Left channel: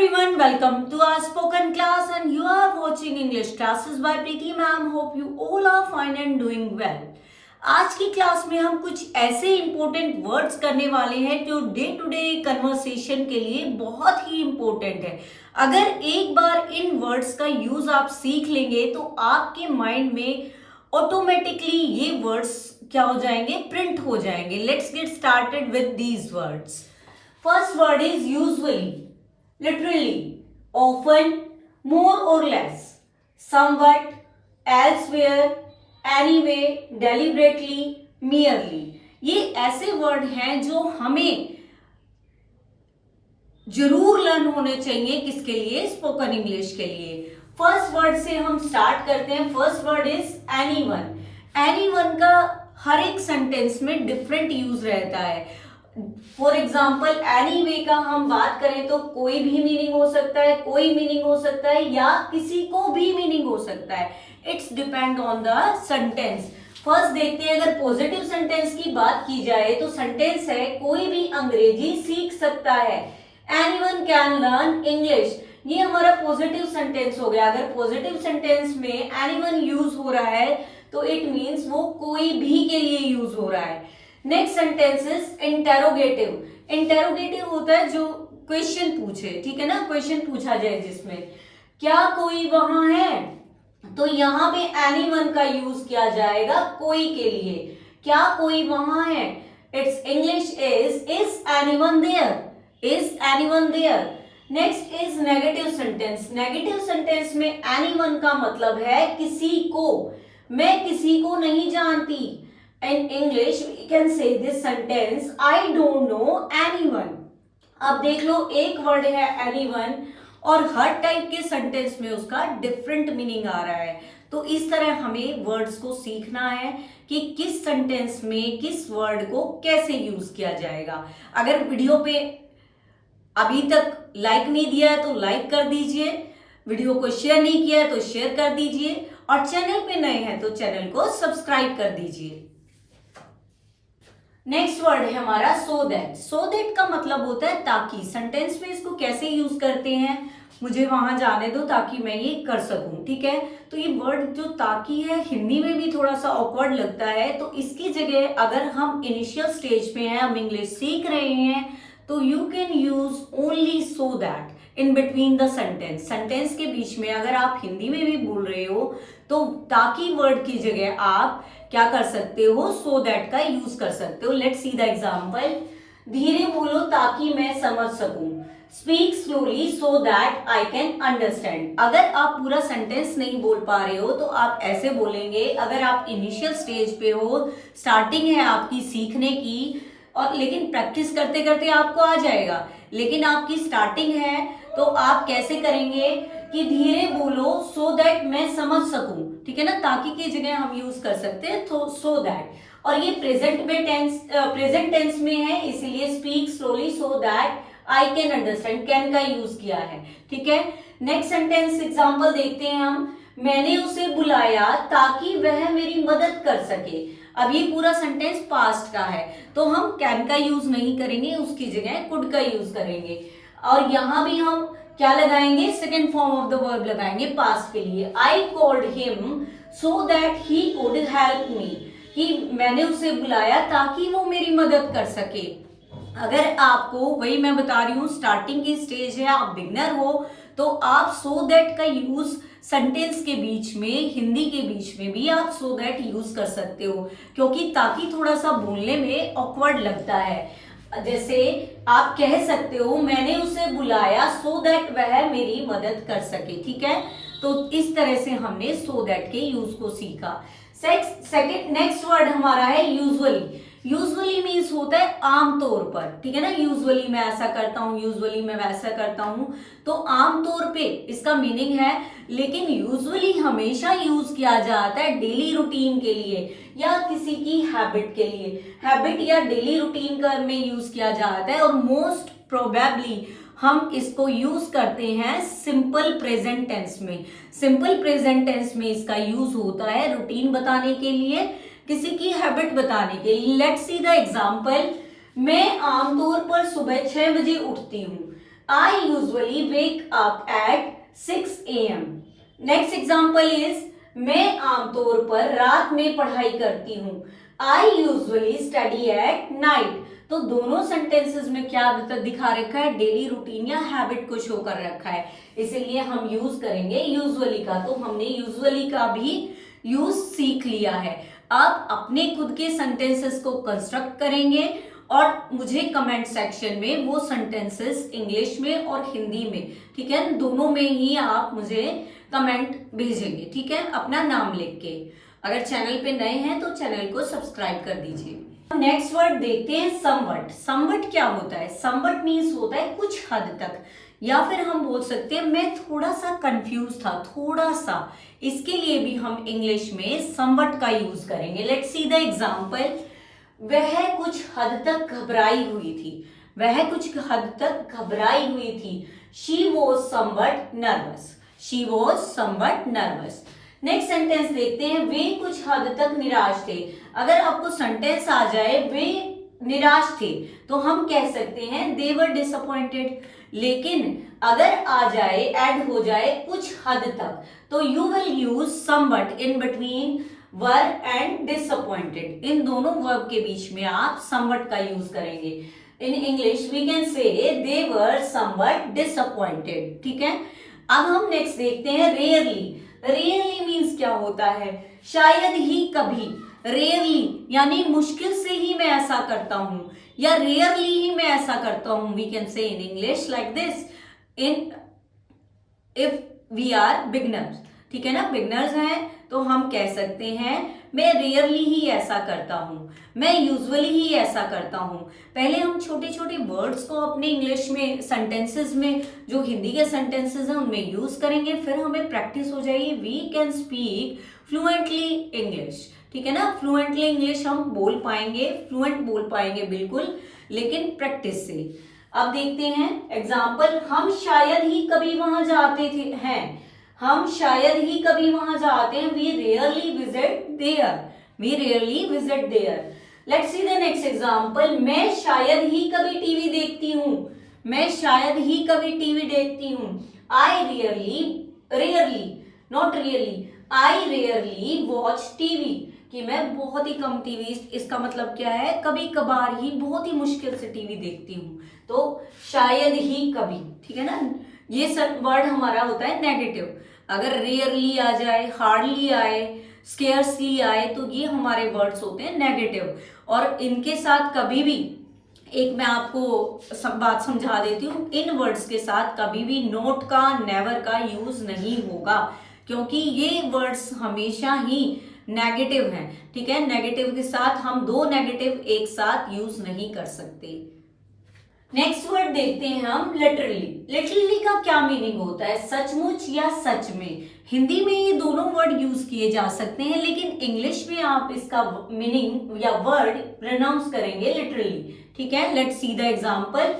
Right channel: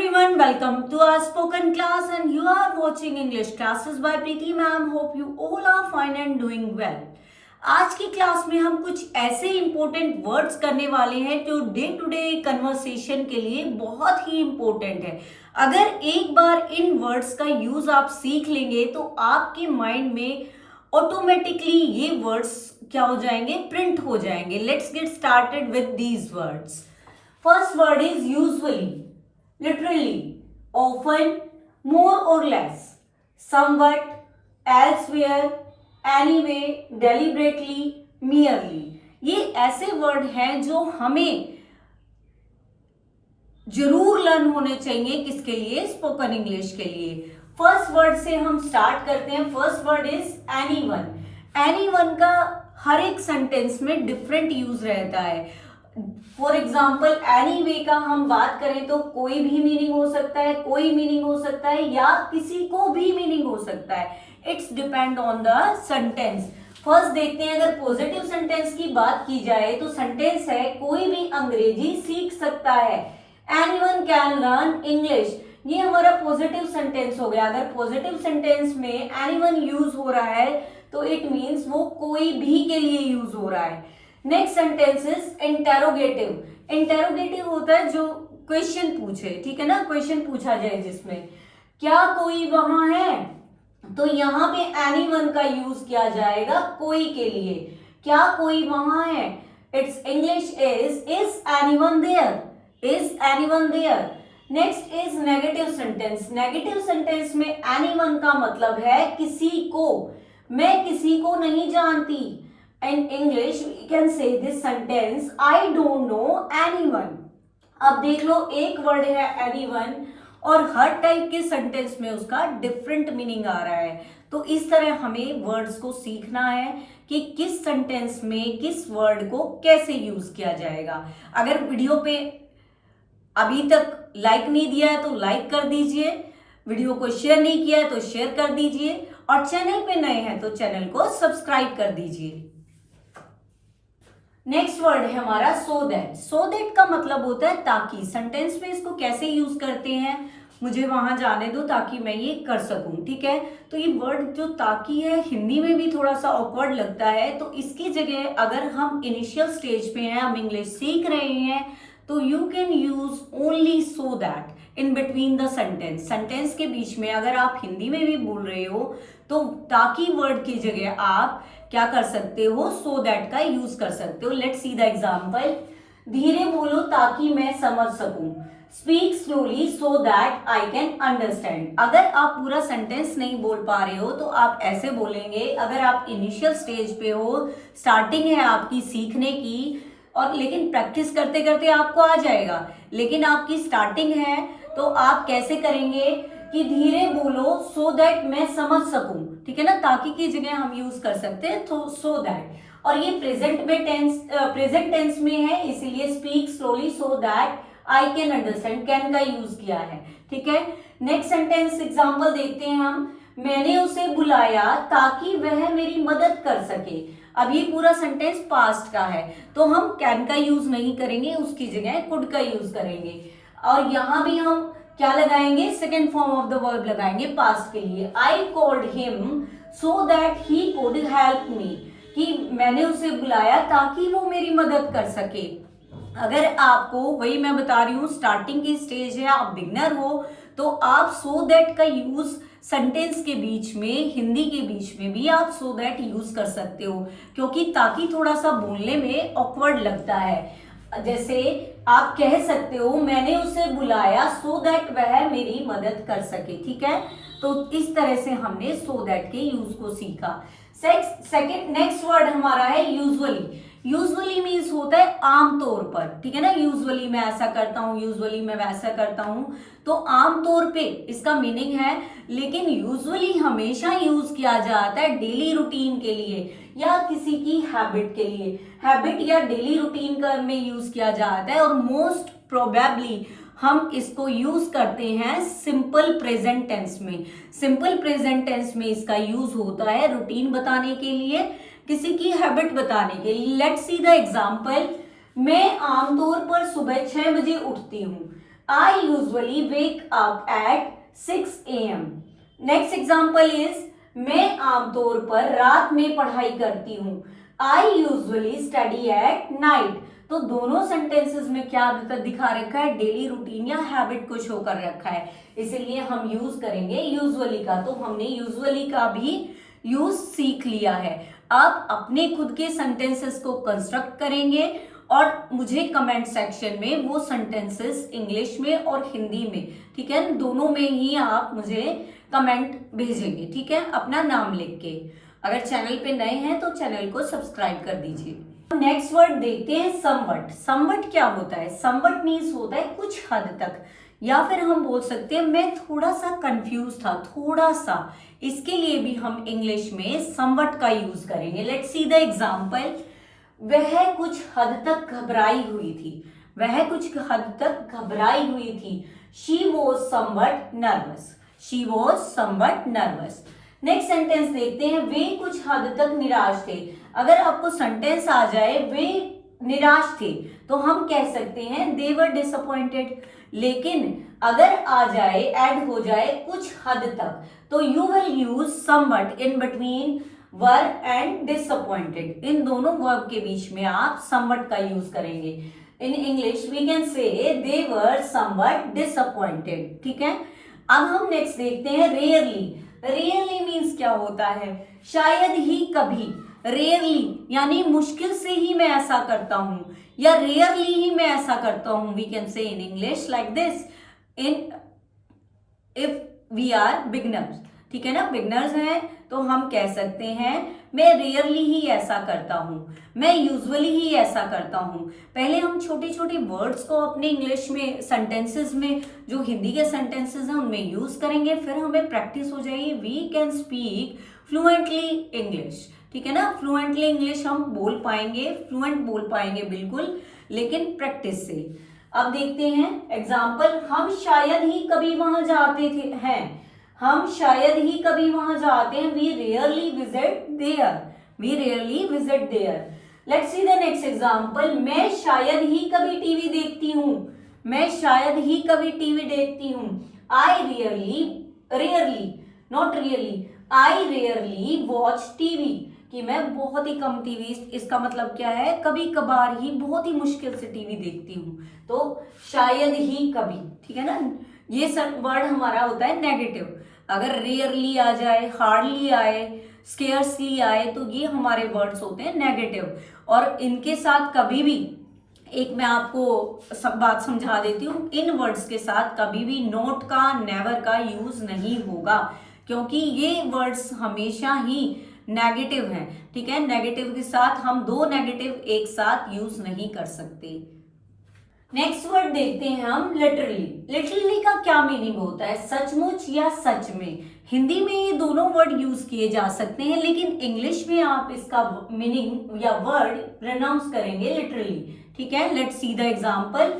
everyone, welcome to our spoken class and you are watching English classes by Preeti ma'am. Hope you all are fine and doing well. आज की class में हम कुछ ऐसे important words करने वाले हैं जो डे टू डे कन्वर्सेशन के लिए बहुत ही इंपॉर्टेंट है। अगर एक बार इन वर्ड्स का यूज आप सीख लेंगे तो आपके माइंड में ऑटोमेटिकली ये वर्ड्स क्या हो जाएंगे, प्रिंट हो जाएंगे। Let's get started with these words. First word is usually, literally, often, more or less, somewhat, elsewhere, anyway, deliberately, merely। ये ऐसे वर्ड हैं जो हमें जरूर लर्न होने चाहिए। किसके लिए? स्पोकन इंग्लिश के लिए। फर्स्ट वर्ड से हम स्टार्ट करते हैं। First word is anyone. Anyone का हर एक सेंटेंस में डिफरेंट यूज रहता है। फॉर एग्जाम्पल एनीवे का हम बात करें तो कोई भी मीनिंग हो सकता है, कोई मीनिंग हो सकता है या किसी को भी मीनिंग हो सकता है। It's depend on the sentence. First देखते हैं, अगर पॉजिटिव सेंटेंस की बात की जाए तो सेंटेंस है कोई भी अंग्रेजी सीख सकता है। Anyone can learn English. ये हमारा पॉजिटिव सेंटेंस हो गया। अगर पॉजिटिव सेंटेंस में एनीवन यूज हो रहा है तो इट मीन्स वो कोई भी के लिए यूज हो रहा है। Next sentence is interrogative. Interrogative होता है जो क्वेश्चन पूछे, ठीक है ना, क्वेश्चन पूछा जाए जिसमें क्या कोई वहां है, तो यहाँ पे एनीवन का यूज किया जाएगा कोई के लिए। क्या कोई वहां है? It's English is anyone there, is anyone there. Next is negative sentence. Negative sentence में एनीवन का मतलब है किसी को। मैं किसी को नहीं जानती। In English, we can say this sentence, I don't know anyone। अब देख लो, एक वर्ड है anyone और हर टाइप के सेंटेंस में उसका डिफरेंट मीनिंग आ रहा है। तो इस तरह हमें वर्ड्स को सीखना है कि किस सेंटेंस में किस वर्ड को कैसे यूज किया जाएगा। अगर वीडियो पे अभी तक लाइक नहीं दिया है तो लाइक कर दीजिए, वीडियो को शेयर नहीं किया है तो शेयर कर दीजिए और चैनल पे नए हैं तो चैनल को सब्सक्राइब कर दीजिए। नेक्स्ट वर्ड है हमारा सो दैट। सो दैट का मतलब होता है ताकि। सेंटेंस में इसको कैसे यूज करते हैं, मुझे वहां जाने दो ताकि मैं ये कर सकूं, ठीक है। तो ये वर्ड जो ताकि है हिंदी में भी थोड़ा सा ऑकवर्ड लगता है, तो इसकी जगह अगर हम इनिशियल स्टेज पे हैं, हम इंग्लिश सीख रहे हैं, तो you can use only so that in between the sentence. Sentence के बीच में अगर आप हिंदी में भी बोल रहे हो तो ताकि वर्ड की जगह आप क्या कर सकते हो, सो दैट का यूज कर सकते हो। Let's see the example. धीरे बोलो ताकि मैं समझ सकूं। Speak slowly so that I can understand. अगर आप पूरा सेंटेंस नहीं बोल पा रहे हो तो आप ऐसे बोलेंगे। अगर आप इनिशियल स्टेज पे हो, स्टार्टिंग है आपकी सीखने की, और लेकिन प्रैक्टिस करते करते आपको आ जाएगा, लेकिन आपकी स्टार्टिंग है तो आप कैसे करेंगे कि धीरे बोलो सो दैट मैं समझ सकूं, ठीक है ना। ताकि की जगह हम यूज कर सकते हैं तो सो दैट। और ये प्रेजेंट टेंस में है, इसीलिए speak slowly so that I can understand, can का यूज किया है, ठीक है। नेक्स्ट सेंटेंस एग्जांपल देखते हैं हम। मैंने उसे बुलाया ताकि वह मेरी मदद कर सके। अब ये पूरा सेंटेंस पास्ट का है तो हम कैन का यूज नहीं करेंगे, उसकी जगह कुड का यूज करेंगे। और यहां भी हम क्या लगाएंगे, second form of the verb लगाएंगे पास्ट के लिए। आई called him so that he could help me, कि मैंने उसे बुलाया ताकि वो मेरी मदद कर सके। अगर आपको, वही मैं बता रही हूँ, स्टार्टिंग की स्टेज है, आप बिगनर हो, तो आप सो दैट का यूज सेंटेंस के बीच में, हिंदी के बीच में भी आप सो दैट यूज कर सकते हो, क्योंकि ताकि थोड़ा सा बोलने में ऑकवर्ड लगता है। जैसे आप कह सकते हो मैंने उसे बुलाया सो दैट वह मेरी मदद कर सके, ठीक है। तो इस तरह से हमने सो दैट के यूज को सीखा। सेकंड नेक्स्ट वर्ड हमारा है यूजुअली। यूजुअली मीन्स होता है आमतौर पर, ठीक है ना। यूजुअली मैं ऐसा करता हूँ, यूजुअली मैं वैसा करता हूँ, तो आमतौर पे इसका मीनिंग है। लेकिन यूजुअली हमेशा यूज किया जाता है डेली रूटीन के लिए या किसी की हैबिट के लिए। हैबिट या डेली रूटीन का में यूज किया जाता है। और मोस्ट प्रोबेबली हम इसको यूज करते हैं सिंपल प्रेजेंट टेंस में। सिंपल प्रेजेंट टेंस में इसका यूज होता है रूटीन बताने के लिए, किसी की हैबिट बताने के लिए। Let's see the example. मैं आमतौर पर सुबह 6 बजे उठती हूँ। I usually wake up at 6 AM। Next example is मैं आमतौर पर रात में पढ़ाई करती हूँ। I usually study at night. तो दोनों सेंटेंसेस में क्या दिखा रखा है, डेली रूटीन या हैबिट को शो कर रखा है, इसीलिए हम यूज करेंगे यूजुअली का। तो हमने यूजुअली का भी यूज सीख लिया है। अब अपने खुद के सेंटेंसेस को कंस्ट्रक्ट करेंगे और मुझे कमेंट सेक्शन में वो सेंटेंसेस इंग्लिश में और हिंदी में, ठीक है, दोनों में ही आप मुझे कमेंट भेजेंगे, ठीक है, अपना नाम लिख के। अगर चैनल पे नए हैं तो चैनल को सब्सक्राइब कर दीजिए। नेक्स्ट वर्ड देखते हैं समवट। समवट क्या होता है? समवट मीन्स होता है कुछ हद तक, या फिर हम बोल सकते हैं मैं थोड़ा सा कंफ्यूज था, थोड़ा सा। इसके लिए भी हम इंग्लिश में समवट का यूज करेंगे। Let's see the example. वह कुछ हद तक घबराई हुई थी। वह कुछ हद तक घबराई हुई थी। She was somewhat nervous. She was somewhat nervous. Next sentence देखते हैं। वे कुछ हद तक निराश थे। अगर आपको सेंटेंस आ जाए वे निराश थे तो हम कह सकते हैं दे वर डिसअपॉइंटेड। लेकिन अगर आ जाए, ऐड हो जाए कुछ हद तक, तो you will use somewhat in between were and disappointed. इन दोनों वर्ब के बीच में आप समवट का यूज करेंगे। इन इंग्लिश वी कैन से दे वर समवट डिसअपॉइंटेड, ठीक है। अब हम नेक्स्ट देखते हैं रेयरली। रेयरली मीन्स क्या होता है? शायद ही कभी। रेयरली यानी मुश्किल से ही मैं ऐसा करता हूं, या रेयरली ही मैं ऐसा करता हूं। We can say in English like this, in if we are beginners, ठीक है ना, बिगनर्स हैं तो हम कह सकते हैं मैं रेयरली ही ऐसा करता हूं, मैं यूजुअली ही ऐसा करता हूं। पहले हम छोटे छोटे वर्ड्स को अपने इंग्लिश में सेंटेंसेस में, जो हिंदी के सेंटेंसेस हैं उनमें यूज करेंगे, फिर हमें प्रैक्टिस हो जाएगी। We can speak fluently English, ठीक है ना। फ्लुएंटली इंग्लिश हम बोल पाएंगे, फ्लुएंट बोल पाएंगे बिल्कुल, लेकिन प्रैक्टिस से। अब देखते हैं एग्जाम्पल। हम शायद ही कभी वहां जाते थे हैं। हम शायद ही कभी वहां जाते हैं। We rarely visit there. We rarely visit there. Let's see the next example. मैं शायद ही कभी टीवी देखती हूँ। मैं शायद ही कभी टीवी देखती हूँ। आई rarely, rarely not really, I rarely watch TV, कि मैं बहुत ही कम टीवी, इसका मतलब क्या है, कभी कभार ही, बहुत ही मुश्किल से टीवी देखती हूँ। तो शायद ही कभी, ठीक है ना। ये वर्ड हमारा होता है नेगेटिव। अगर रेयरली आ जाए, हार्डली आए, स्केयर्सली आए, तो ये हमारे वर्ड्स होते हैं नेगेटिव। और इनके साथ कभी भी, एक मैं आपको सब बात समझा देती हूँ, इन वर्ड्स के साथ कभी भी नोट का, नेवर का यूज नहीं होगा, क्योंकि ये वर्ड्स हमेशा ही नेगेटिव हैं, ठीक है। नेगेटिव के साथ हम दो नेगेटिव एक साथ यूज नहीं कर सकते। नेक्स्ट वर्ड देखते हैं हम लिटरली। लिटरली का क्या मीनिंग होता है? सचमुच या सच में। हिंदी में ये दोनों वर्ड यूज किए जा सकते हैं, लेकिन इंग्लिश में आप इसका मीनिंग या वर्ड प्रोनाउंस करेंगे लिटरली, ठीक है। Let's see the example.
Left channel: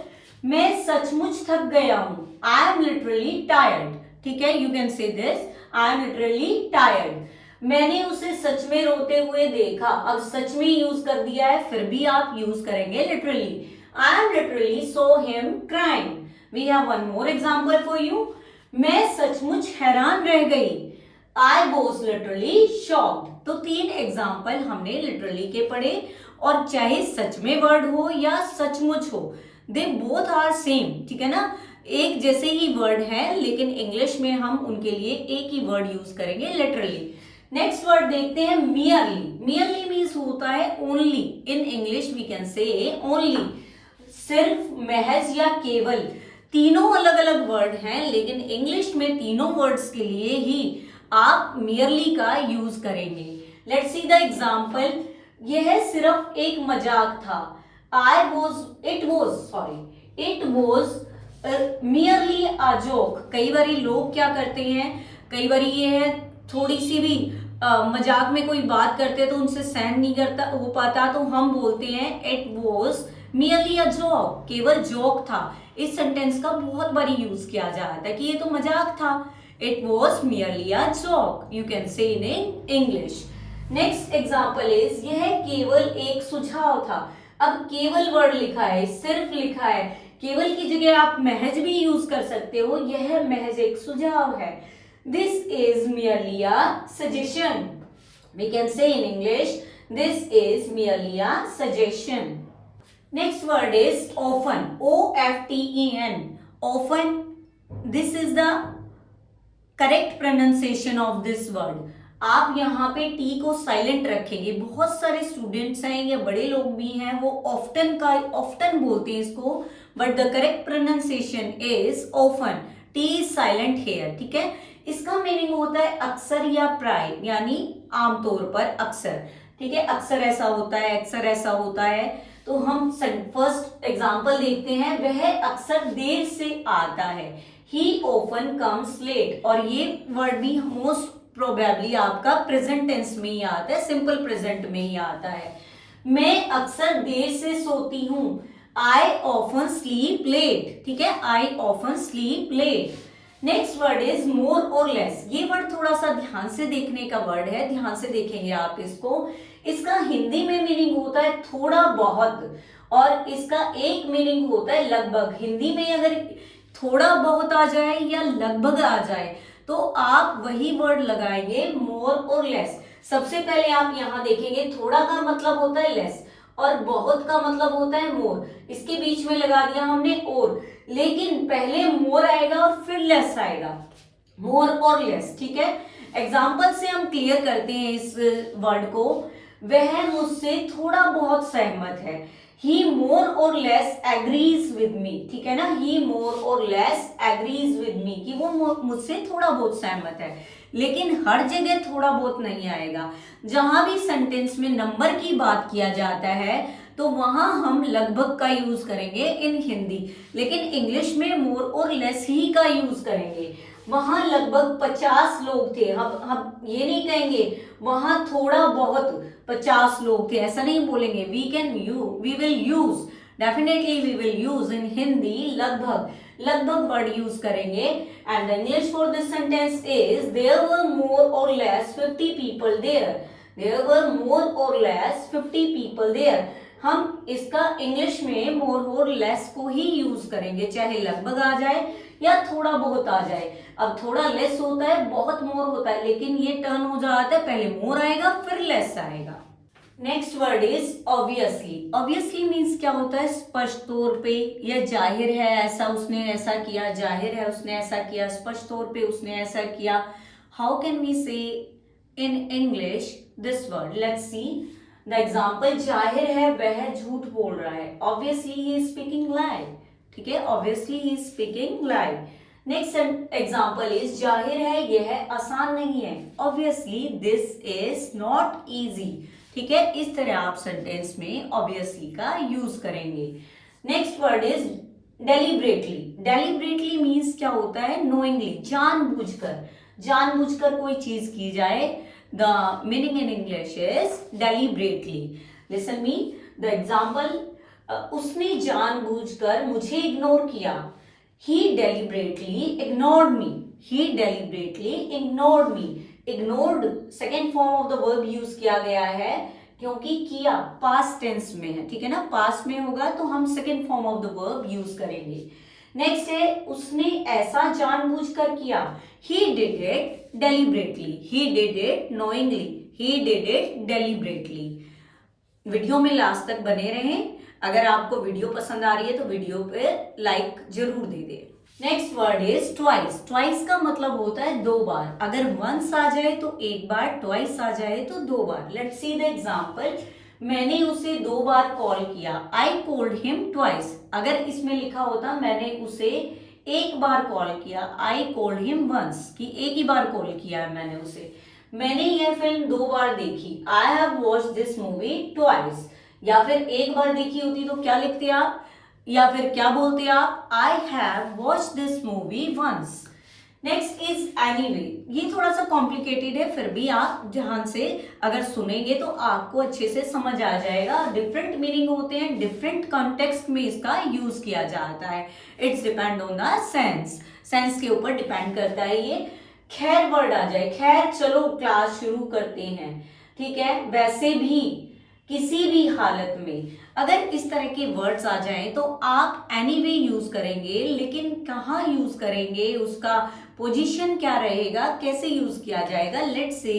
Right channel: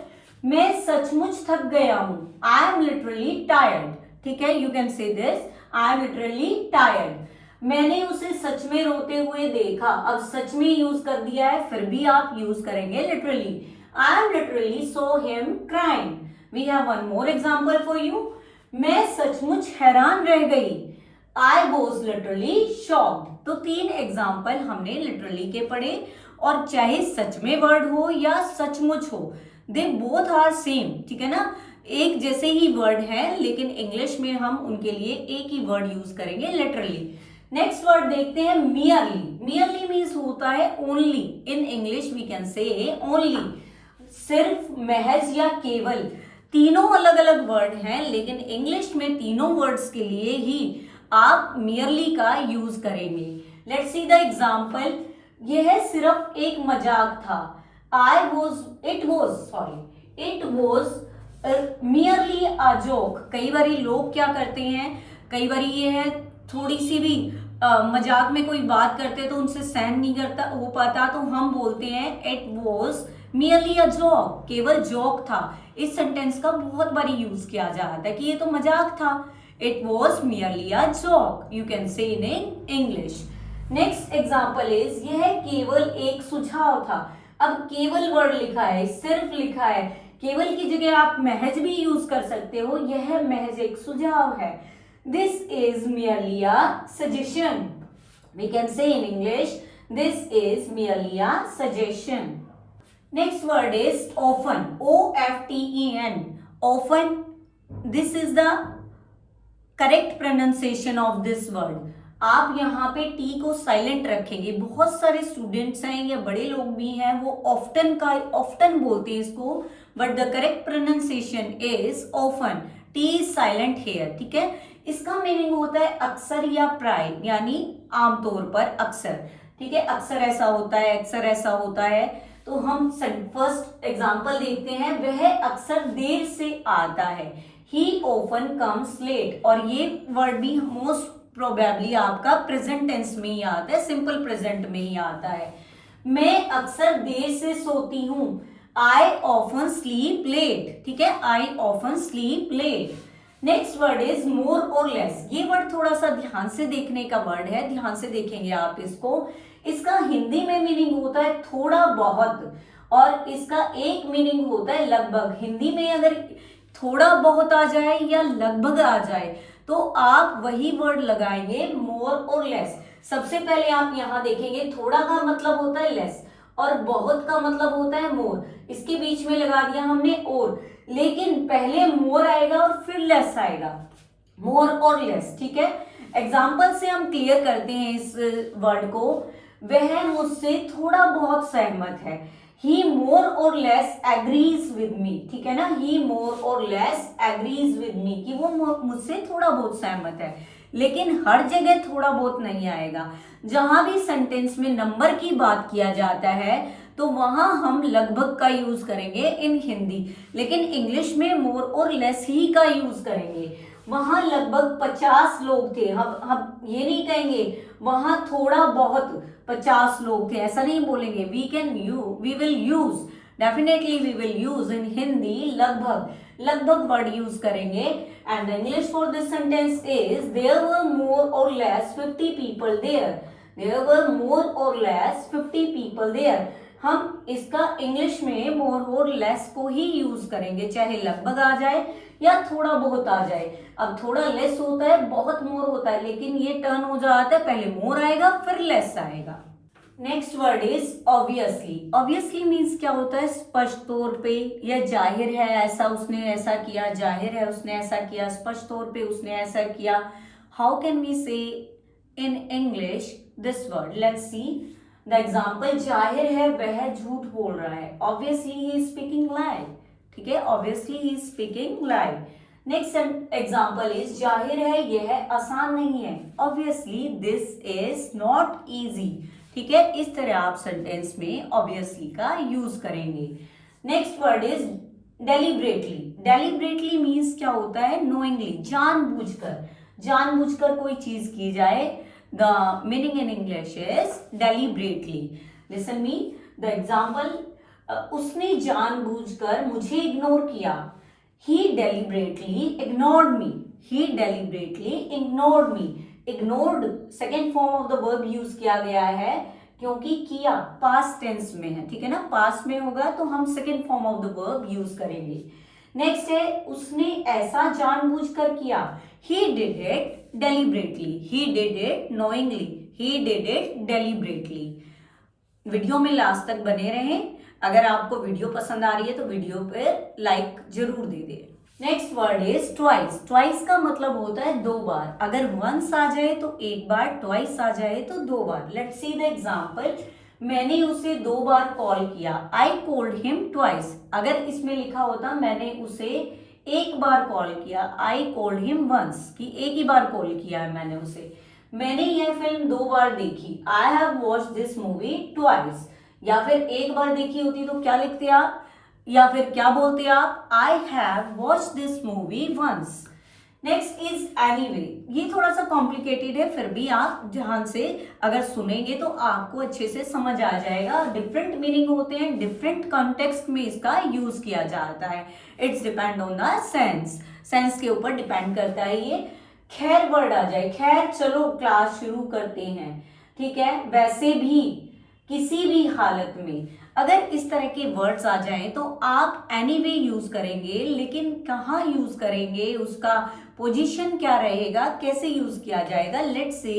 मैं सचमुच थक गया हूं। आई एम लिटरली टायर्ड, ठीक है। You can say this, I am literally tired. मैंने उसे सच में रोते हुए देखा। अब सच में यूज कर दिया है, फिर भी आप यूज करेंगे literally. I am literally saw him crying. We have one more example for you. मैं सचमुच हैरान रह गई। I was literally shocked. तो 3 एग्जाम्पल हमने लिटरली के पढ़े, और चाहे सच में वर्ड हो या सचमुच हो, दे बोथ आर सेम, ठीक है ना। एक जैसे ही वर्ड है, लेकिन इंग्लिश में हम उनके लिए एक ही वर्ड यूज करेंगे, लिटरली। नेक्स्ट वर्ड देखते हैं मियरली। मियरली मीन्स होता है only. In English we can say only, सिर्फ, महज या केवल। तीनों अलग अलग वर्ड हैं, लेकिन इंग्लिश में तीनों वर्ड्स के लिए ही आप मियरली का यूज करेंगे। Let's see the example. यह सिर्फ एक मजाक था। It was merely a joke. कई बार लोग क्या करते हैं, कई बार ये है थोड़ी सी भी मजाक में कोई बात करते हैं तो उनसे सहन नहीं करता हो पाता, तो हम बोलते हैं it was merely a joke, केवल जोक था। इस सेंटेंस का बहुत बारी यूज किया जा रहा था कि ये तो मजाक था। It was merely a joke, you can say in English. Next example is यह केवल एक सुझाव था। अब केवल वर्ड लिखा है, सिर्फ लिखा है, केवल की जगह आप महज भी यूज कर सकते हो, यह महज एक सुझाव है। This is merely a suggestion. We can say in English, this is merely a suggestion. Next word is often. O-F-T-E-N. Often. This is the correct pronunciation of this word. आप यहाँ पे टी को साइलेंट रखेंगे। बहुत सारे students हैं या बड़े लोग भी हैं, वो ऑफ्टन बोलते हैं इसको, but the correct pronunciation is often. T is silent here, ठीक है। इसका मीनिंग होता है अक्सर या प्राय, यानी आमतौर पर, अक्सर, ठीक है। अक्सर ऐसा होता है, अक्सर ऐसा होता है। तो हम फर्स्ट एग्जाम्पल देखते हैं, वह अक्सर देर से आता है। He often comes late, और ये वर्ड भी मोस्ट प्रोबेबली आपका प्रेजेंट टेंस में ही आता है, सिंपल प्रेजेंट में ही आता है। मैं अक्सर देर से सोती हूँ। I often sleep late, ठीक है। I often sleep late. Next word is more और लेस। ये वर्ड थोड़ा सा ध्यान से देखने का वर्ड है, ध्यान से देखेंगे आप इसको। इसका हिंदी में मीनिंग होता है थोड़ा बहुत, और इसका एक मीनिंग होता है लगभग। हिंदी में अगर थोड़ा बहुत आ जाए या लगभग आ जाए तो आप वही वर्ड लगाएंगे मोर और लेस। सबसे पहले आप यहाँ देखेंगे, थोड़ा का मतलब होता है लेस और बहुत का मतलब होता है मोर। इसके बीच में लगा दिया हमने और, लेकिन पहले मोर आएगा और फिर लेस आएगा, मोर और लेस, ठीक है। एग्जाम्पल से हम क्लियर करते हैं इस वर्ड को। वह मुझसे थोड़ा बहुत सहमत है। He more or less agrees with me, ठीक है ना। He more or less agrees with me, कि वो मुझसे थोड़ा बहुत सहमत है, लेकिन हर जगह थोड़ा बहुत नहीं आएगा। जहां भी सेंटेंस में नंबर की बात किया जाता है तो वहां हम लगभग का यूज करेंगे इन हिंदी, लेकिन इंग्लिश में मोर और लेस ही का यूज करेंगे। वहां लगभग 50 लोग थे, हम ये नहीं कहेंगे वहां थोड़ा बहुत 50 लोग थे, ऐसा नहीं बोलेंगे। We will use, definitely we will use in Hindi लगभग वर्ड यूज करेंगे। And the English for this sentence is there were more और less 50 people there. There were more और लेस 50 पीपल देयर। हम इसका इंग्लिश में मोर और लेस को ही use करेंगे, चाहे लगभग आ जाए या थोड़ा बहुत आ जाए। अब थोड़ा लेस होता है, बहुत मोर होता है, लेकिन ये टर्न हो जाता है, पहले मोर आएगा फिर लेस आएगा। Next word is obviously. Obviously means क्या होता है, स्पष्ट तौर पे या जाहिर है, ऐसा उसने ऐसा किया, जाहिर है उसने ऐसा किया, स्पष्ट तौर पे उसने ऐसा किया। हाउ कैन वी से in English this word? Let's see the example. जाहिर है वह झूठ बोल रहा है। ऑब्वियसली ही इज स्पीकिंग लाई, ठीक है। Obviously he is speaking lie. Next example is जाहिर है यह आसान नहीं है। Obviously this is not easy, ठीक है। इस तरह आप सेंटेंस में ऑब्वियसली का यूज करेंगे। Next word is deliberately. Deliberately means क्या होता है, नोइंगली, जानबूझकर कोई चीज की जाए। The meaning in English is deliberately. Listen me the example. उसने जानबूझकर मुझे इग्नोर किया। He deliberately ignored me. He deliberately ignored me. Ignored second form of the verb use किया गया है, क्योंकि किया पास्ट टेंस में है, ठीक है ना। पास्ट में होगा तो हम second form of the verb use करेंगे। नेक्स्ट है उसने ऐसा जानबूझकर किया। He did it deliberately. He did it knowingly. He did it deliberately. Video में लास्ट तक बने रहें। अगर आपको वीडियो पसंद आ रही है तो वीडियो पे लाइक जरूर दे दें। Next word is twice. Twice का मतलब होता है दो बार। अगर वंस आ जाए तो एक बार, ट्वाइस आ जाए तो दो बार। Let's see the example. मैंने उसे 2 बार कॉल किया। I called him twice. अगर इसमें लिखा होता मैंने उसे 1 बार कॉल किया, आई कॉल्ड हिम वंस, कि एक ही बार कॉल किया है मैंने उसे। मैंने यह फिल्म 2 बार देखी। आई have watched this movie twice. या फिर 1 बार देखी होती तो क्या लिखते आप, या फिर क्या बोलते आप, I have watched this movie once. Next is anyway. ये थोड़ा सा कॉम्प्लिकेटेड है, फिर भी आप ध्यान से अगर सुनेंगे तो आपको अच्छे से समझ आ जाएगा। डिफरेंट मीनिंग होते हैं, डिफरेंट कॉन्टेक्स्ट में इसका यूज किया जाता है। It's depend on the sense के ऊपर डिपेंड करता है ये। खैर वर्ड आ जाए। खैर चलो क्लास शुरू करते हैं, ठीक है। वैसे भी, किसी भी हालत में। अगर इस तरह के वर्ड्स आ जाएं तो आप एनीवे यूज करेंगे, लेकिन कहाँ यूज करेंगे, उसका पोजीशन क्या रहेगा, कैसे यूज किया जाएगा, let's see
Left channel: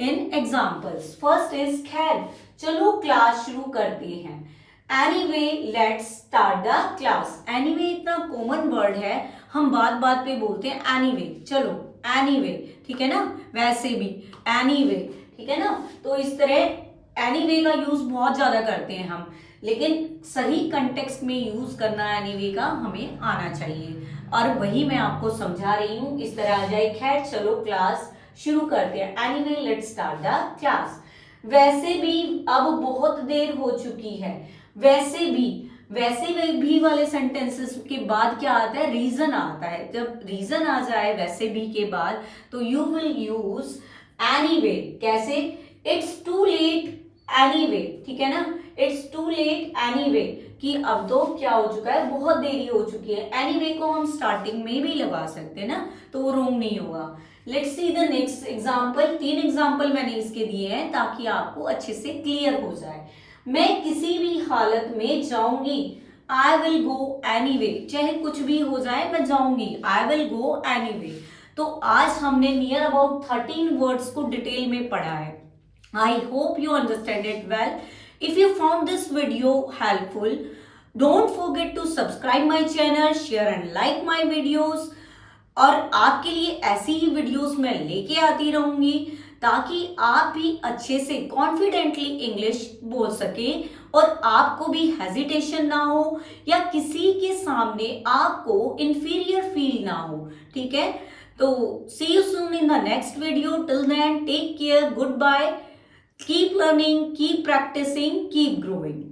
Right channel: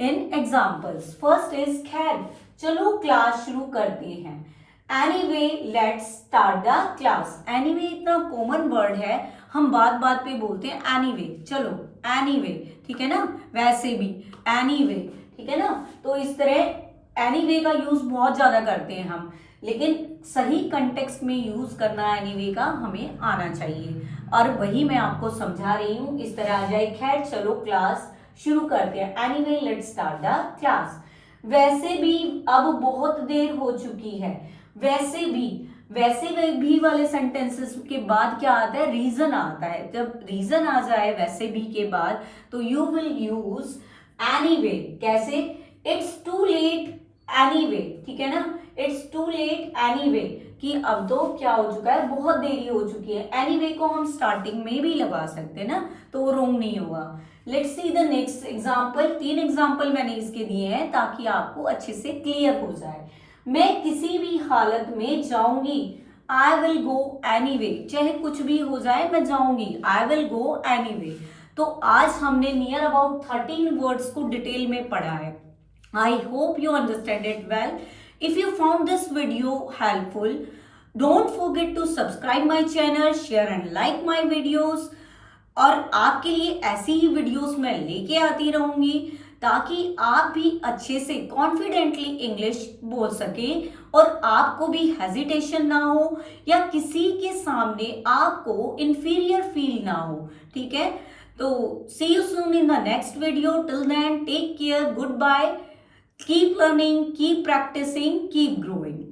in examples. First is खैर, चलो क्लास शुरू करते हैं। Anyway let's start the class. Anyway इतना कॉमन वर्ड है, हम बात बात पे बोलते हैं एनीवे, चलो एनीवे, ठीक है ना, वैसे भी एनीवे, ठीक है ना। तो इस तरह एनीवे का यूज बहुत ज्यादा करते हैं हम, लेकिन सही कंटेक्स्ट में यूज करना एनीवे का हमें आना चाहिए, और वही मैं आपको समझा रही हूं। इस तरह आ जाए, खैर चलो क्लास शुरू करते हैं, anyway let's start the class. वैसे भी अब बहुत देर हो चुकी है। वैसे भी वाले सेंटेंसेस के बाद क्या आता है, रीजन आता है। जब रीजन आ जाए वैसे भी के बाद, तो यू विल यूज एनीवे। कैसे, इट्स टू लेट एनीवे, ठीक है ना, इट्स टू लेट एनीवे, कि अब तो क्या हो चुका है, बहुत देरी हो चुकी है। एनीवे को हम स्टार्टिंग में भी लगा सकते हैं ना, तो वो रॉन्ग नहीं होगा। Let's see the next example. 3 example मैंने इसके दिए हैं ताकि आपको अच्छे से क्लियर हो जाए। मैं किसी भी हालत में जाऊंगी, आई विल गो एनीवे, चाहे कुछ भी हो जाए मैं जाऊंगी, आई विल गो एनीवे। तो आज हमने नियर अबाउट 13 वर्ड्स को डिटेल में पढ़ा है। I hope you understand it well. If you found this video helpful, don't forget to subscribe my channel, share and like my videos. और आपके लिए ऐसी ही वीडियोस मैं लेके आती रहूंगी, ताकि आप भी अच्छे से कॉन्फिडेंटली इंग्लिश बोल सके और आपको भी हेजिटेशन ना हो, या किसी के सामने आपको इंफीरियर फील ना हो, ठीक है। तो see you soon in the next video. Till then take care, goodbye, keep learning, keep practising, keep growing.